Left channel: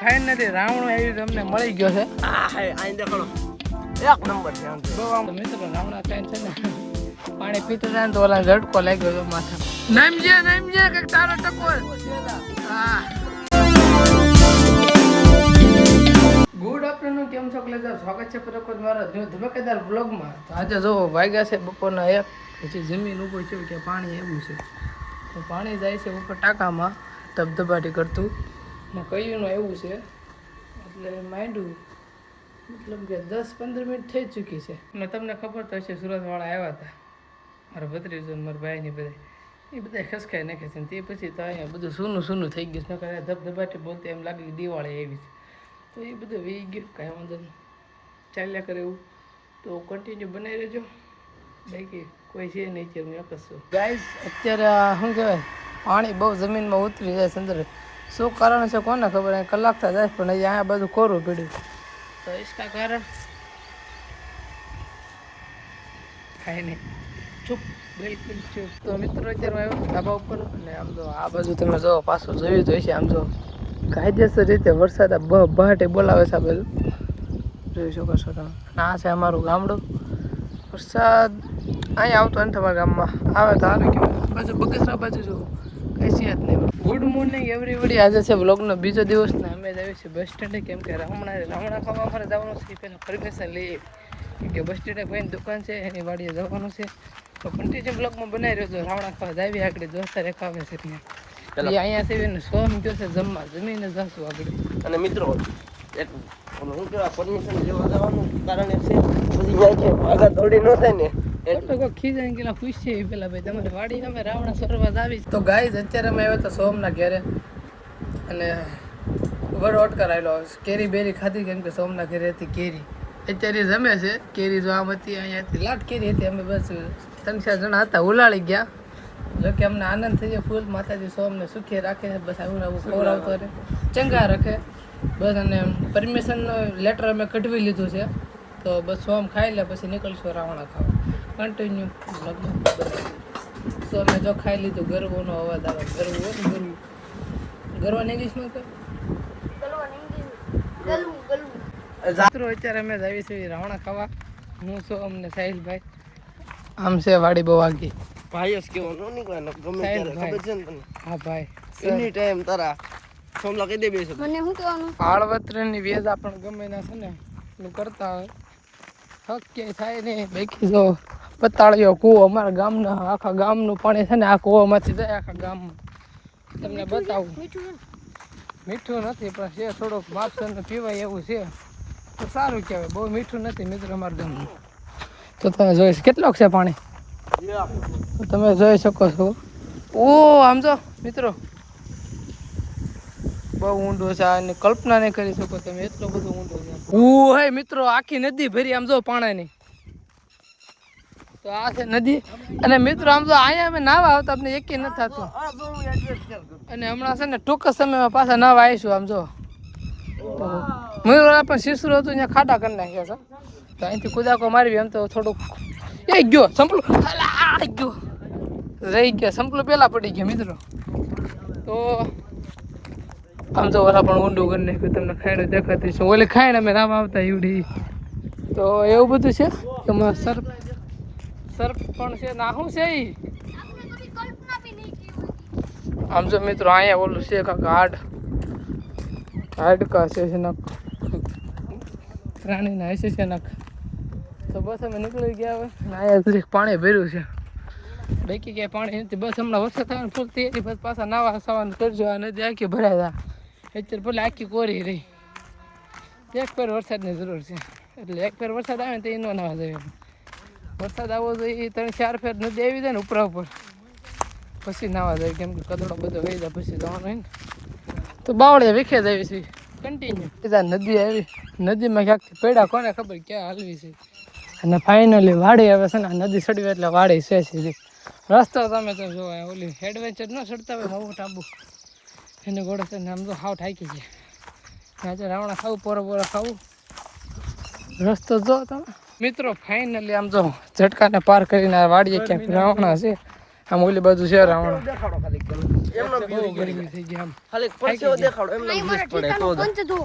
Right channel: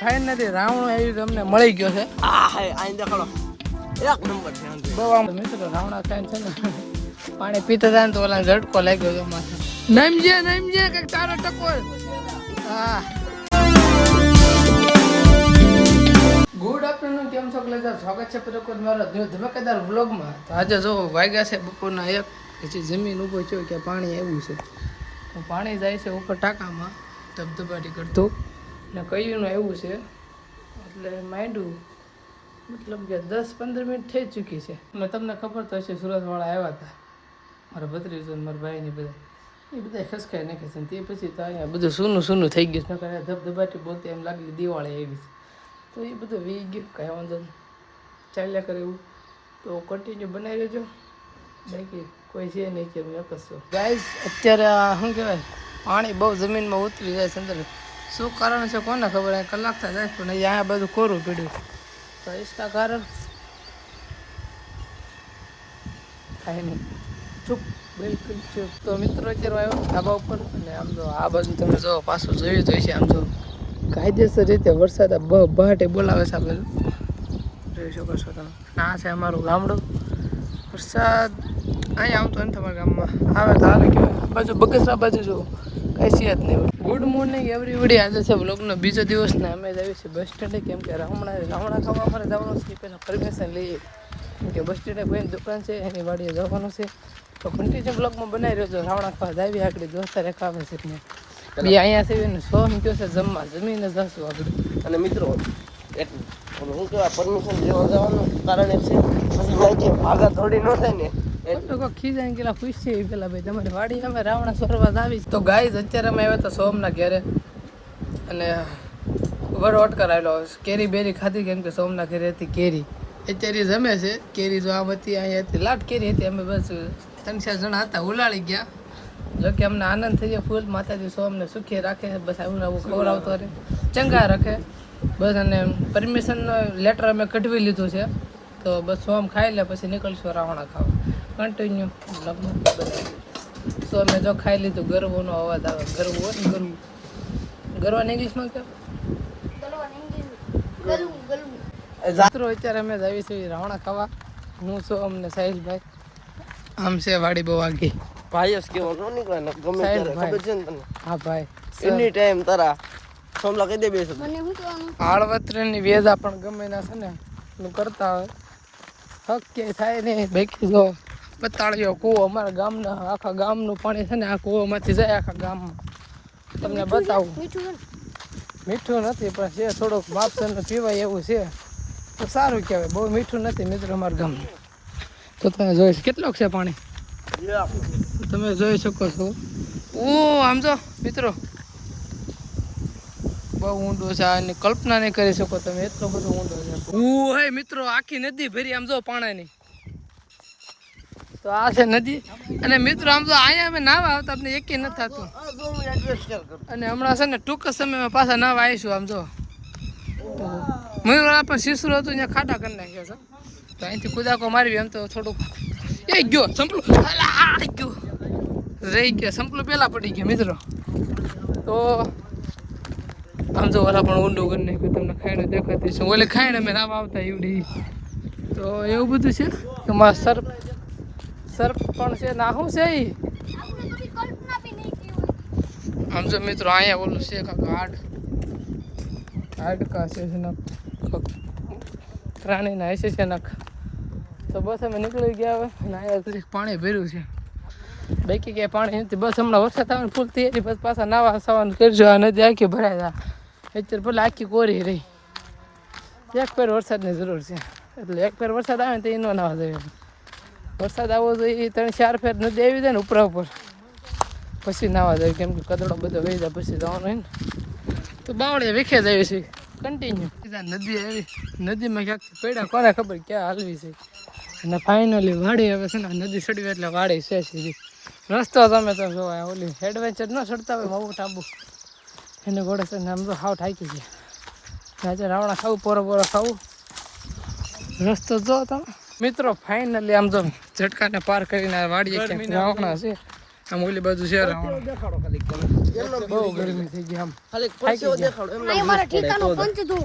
Finally રાવણો આવી અમને મળી ગયો છે. બહુ આમ મિત્રો રાવણા ખાઈને છે ને પાણી પીતા જાય ને તો ઓલા ઝટકો લાગ્યો હતો માથા. નમજે કંઈક તારો ટકોર. હા ગુડ આફ્ટરનૂન, કેમ છો? સ્વાગત છે પ્રકોર મારા ધમાકેદાર વ્લોગમાં. તો આજે જો વાગ્યા છે બપોરના 1, પછી જમીન ઊભો થયો કે પાણી એવું છે તો પાણી જાય છે ઉપર ટાંકામાં ધબધબાટી કરતું ને કયું એવું છે એટલે માંડ્યું મતલબ કે 10-15 મિનિટ થઈ ચૂકી છે. અને તમને ખબર તો હશે સુરતવાળા આવ્યા હતા મારા ભત્રીજો મારા ભાઈની બધા એ બધા ખસકાઈ નાખે છે. તે પછી તો અહીંયા બધું સૂનું થઈ ગયું છે. નકર ધબધબાટી બોલતી એમ લાગે કે દિવાળી આવી છે. તો એ બધું વી ગયું, કાંઈ વાંધો નહીં, ચાલ્યા કરે એવું. તો કન્ટિન્યુ બનાવી રહેજો, બાકી કોઈ છે નહીં કે હું એક જ છું. ગાઈઝ અત્યારે શું કહેવાય પાણી બહુ જમીનમાં ઉતરી જાય છે અંદર. શું કારણ છે કોને ખબર? અહીં કલાક થાય જાય પણ અહીંયા બધું કોરું પીડ્યું. તો इसका कारण કાંઈ નહીં, ચૂપ, બિલકુલ ચૂપ. તો મિત્રો અત્યારે આવ્યો ધાબા ઉપર અને આમ જો આ બાજુ તમે જો પાછું જોયું તો છે. આમ જો કાયદેસર રીતે વરસાદ બહાટે બોલાવે છે. આ બાજુ જોઈ શકો છો તમે. આ છે અમારું ગામડું. વરસાદ અહીંયા આવતો નથી તમારા ગામમાં, આવે તો આવે કે બાજુ બગસરા બાજુ જો કાંઈ છે જ નહીં. Good morning everybody. આજે છે બ્લોગનો બીજો દિવસ ને અમે જ આવી છીએ બસ સ્ટેન્ડે, કેમ કે રાવણા ખાવા અમારે જવાનું છે. પહેલાં પરમિશન લઈએ કેમ કે બસ સ્ટેન્ડે કોઈની દુકાન છે એની વાડીએ જવાનું છે. તો કન્ટિન્યુ બ્લોગમાં બનાવી રહ્યો છો. રાવણા ખાવા જાવી આગળ દોસ્તા રેખાવે છે ને એ અહીંયા છે ને 100 ગયો છે જમવા, જમીને જશું આગળ. અને મિત્રો એક હું કેવા પરમિશન લેવા જવાનું કારણ એ છે પછી કે આગળ થોડી ન થાય ને એટલે કોઈ ખીજાઈને કેલા પૂછશે એ પેલા ભાઈ તમારી વાડી અમે રાવણા સરવા આવી. તો ગાઈઝ અત્યારે અમે આવ્યા હતા સોમના ઘેરે અને વરોટ કરાયેલો કેરી બેરી ખાધી કેમ કે સોમના ઘેરે હતી કેરી. અત્યારે જમે છે કેરી. જો આમ હતી અહીંયા હતી લાટ કેરી હતી. અમે બસ 3-4 જણા હતા, ઉલાળી ગયા. જો કે અમને આનંદ થઈ જાય ફૂલ. માતાજી સોમને સુખી રાખે, બસ આવું આવું ખવડાવતો રહે, ચંગા રાખે બસ. અને પરમિશનનો લેટર અમે કઢવી લીધું છે તો બસ સોમ ખાઈ લે પછી નીકળશું રાવણા ખાવા. કન્ટિન્યુ બ્લોગમાં બનાવી. તો અમે જો ખાઈ લીધું. ગરબોનો અવાજ આવે. ગરવું હોય ને ગરવું, ગરવાને ઇંગ્લિશમાં કે મિત્રો અત્યારે અમે જ આવી છીએ રાવણા ખાવા. હું છું અમને સાહિલભાઈ. આમ છે વાડી બહુ આગી. ભાઈ જ કેવું ન નીકળે ને ગમે સાહેબ ત્યારે ખબર છે ને તને. હા ભાઈ, એની ટાઈમ તારા સોમલા કહી દે બેસો મને શું કહેવાનું હાળવત્રની વેદા પણ ગમે ના છે ને એટલું કરતા હોય. હક ક્યાંય થાય નહીં. બાકી જો પતાળ્યો કૂવો અમારા ગામના, આખા ગામનું પાણી છે ને આ કૂવામાંથી જાય આખા ગામમાં. તમને બતાવું, મીઠું નથી પણ છે થોડુંક માપસર ને પીવાય એવું છે તો સારું કહેવાય. બહુ મીઠું નથી મિત્રો અમારા ગામનું. તો તમે જોઈશ કેટલોક છે પાણી તમે જોઈ શકો છો. ઓ આમ જો મિત્રો બહુ ઊંડો છે, આની કલ્પના નહીં કરી શકો તમે, એટલો બધો ઊંડો છે. હે મિત્રો આખી નદી ભરી આમ જો પાણીની. તો આ છે નદી. અને મિત્રો આમ જો અહીંયા અમે નાવા આવતા આપણે એકેય નથી થતું. અને હમણાં છે ને ટૂંક સમયમાં પાછા નાવા આવીશું. આમ જો મયુર પણ શીસરું હતું ત્યાં ખાડા કરી નાખ્યા છે. તો અહીંથી કુદાકો મારવી એમ તો થોડુંક એ ગયો સંપલું ગયો રહી ગયા. સંપલું પહેલાં પડી ગયા મિત્રો. તો આમ જો ઓલા પણ ઊંડું કરી નાખ્યું. તમને ખાઈને દેખાતી છે. ઓલી ખાઈને અમે નામ આવતા એવડી. તો એવું બધું છે. એમાં સર્પ પણ છે ના શું છે એ. આમ જો મિત્રો અહીંયા ઓલું છે કાંક હાડકા છે નખ પ્રાણીના હશે છે નખ. તો બસ અમે નીકળી ગયા હવે. અહીંયા સુધી પાણી ભર્યું છે, બાકી ક્યાંય પાણી નથી. બસ હમણાં વરસાદ આવે ફૂલ તૈયારી બસ પાછા નાવા સવાનું કરજો. આ નદી આખી ભરાય જાય અત્યારે પેલા આખી કોરી રહી. એક ફેર વરસાદની જરૂર છે એટલે એક ફેર વરસાદ આવે ને તો એ ન નાવા જોઈએ. વરસાદ આવવો જોઈએ 3-4 ફેર નદી આવી જાય ને ઉપરા ઉપર પછી નાવા જાય કેમ કે કદડો બધો વહી જાય પછી જવાનું હોય ને. તો બાવળે વિખે જ આવી છે કન્ટિન્યુ. નદી આવી, નદીમાં ક્યાંક પડ્યા કોને ખબર ક્યાં હાલવી છે. અને ફાઇનલી વાડી આવે છે ને નદી ચડવી એટલે વાડી છે સીધી. રસ્તો તમે તો જોવા ઓલી એડવેન્ચર ન ચડતા હોય માવું ટાંબુ એને ઘોડે છે ને આમ તો હાવ ઠાકી છે. આજે રાવણા ખાવું પોરો ખાવું રસ્તો જો તમે મિત્રો. ફાઇનલી આમ જો ઝટકાને પાર કરીને વાડીએ ક્યાંક નાવાના છે. આમ ઓલી બાજુ છે રાવણ દેખાડો ખાલી કેમ એમનો બહુ ગરમી થઈ ગઈ આમ ખાલી પરસેવો દેખાડો એમનો વ્યૂઝ પડે તો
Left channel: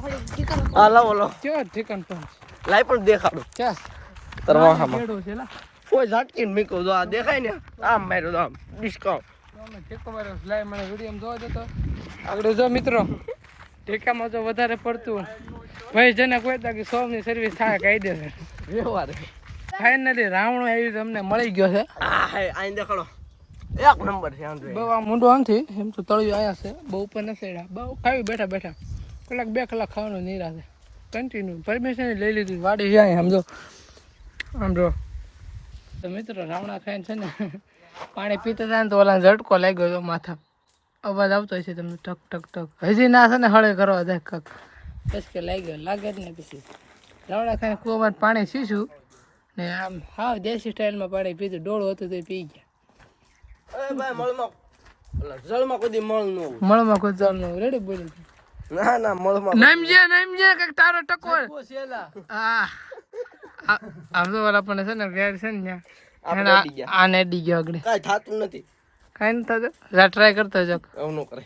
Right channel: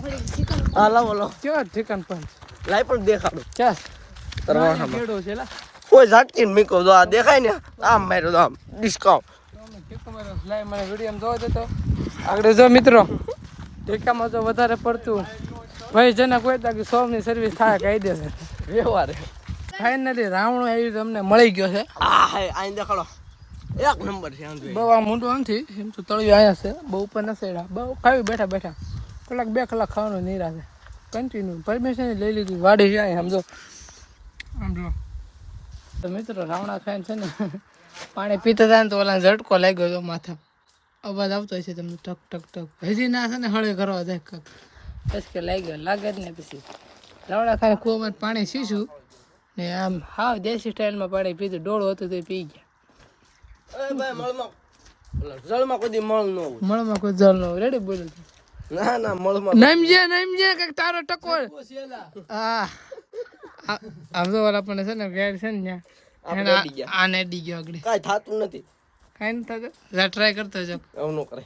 હા લાવો લાવો કેવા ઠેકાણ પણ લાઈ પણ દેખાડો ચાલ તરવાહામાં બેડો છે લા કોઈ ઝાટકી મીકો જો આ દેખાય ને આમ માર્યો તો આમ ડિસ્કાઉન્ટ તમે ઠેકો મારો લાય મને વિડીયો જોવા દેતો આગળ જો મિત્રો ઠેકામાં તો વધારે પડતું ભાઈ જેને કોઈ તાકી સોમની સર્વિસ થાય કાયદેસર વ્યવહાર ફાઇનલી રાવણો આવી તમને મળી ગયો છે આ હે આઈ દેખાડો એક નંબર છે આમ બહુ આ મોટું આમથી એમ તો તળિયું અહીંયા છે બહુ ઉપર નથી બહુ ખાવી બેઠા બેઠા કલાક 2 કલાક ખાવાનું નિરા છે કન્ટિન્યુ પરમિશન લઈ લીધી વાડી છે અહીં સમજો આમ જો તો મિત્રો રાવણા ખાઈને છે ને પાણી પીતા હતા ને તો ઓલા ઝટકો લાગ્યો હતો માથા અવાજ આવતો હશે તમને ટક ટક ટક હજી ના છે ને હળે કરવા જાય કક કે લાગ્યો લાગે જ ને પછી રાવણા ખાઈને કૂવામાં પાણી સીશું ને આમ હાવ દેશી સ્ટાઇલમાં પાણી પીધું ડોળું હતું તો પી ગયા એ ભાઈ મળમાં જળમાં કોઈ દી મળ ન હોય મળમાં કોઈ જલ ન રેડી બોલ્યું ના ના મળમાં નમજે કઈક તારો ટકો હા આમ તો વાળા પણ છે ને ગેર છે ને આપણે અડી ગયા. આને અડી ગયો આગળ કાંઈ થાતું નથી કાંઈ નથી થતું જા ટ્રાય કરતો જાક એવું ન કરે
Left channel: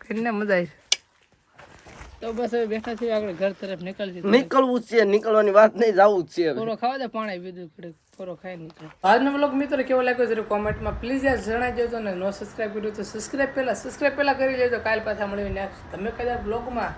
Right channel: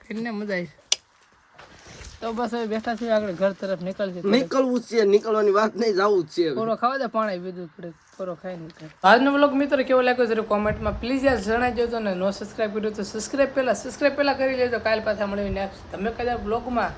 કરીને મજા આવી તો બસ હવે બેઠા છીએ આગળ ઘર તરફ નીકળશે નીકળવું જ છે નીકળવાની વાત નહીં જવું જ છે હવે. પૂરો ખાવા દે પાણી પીધું પડે પૂરો ખાઈ નીકળે આજનો બ્લોગ મિત્રો કેવો લાગ્યો જરા કોમેન્ટમાં પ્લીઝ યાર જણાવજો તો ને નો સબસ્ક્રાઇબ કર્યું તો સબસ્ક્રાઇબ પહેલા કરી લેજો કાલ પાછા મળીને તમે કદાચ બ્લોગમાં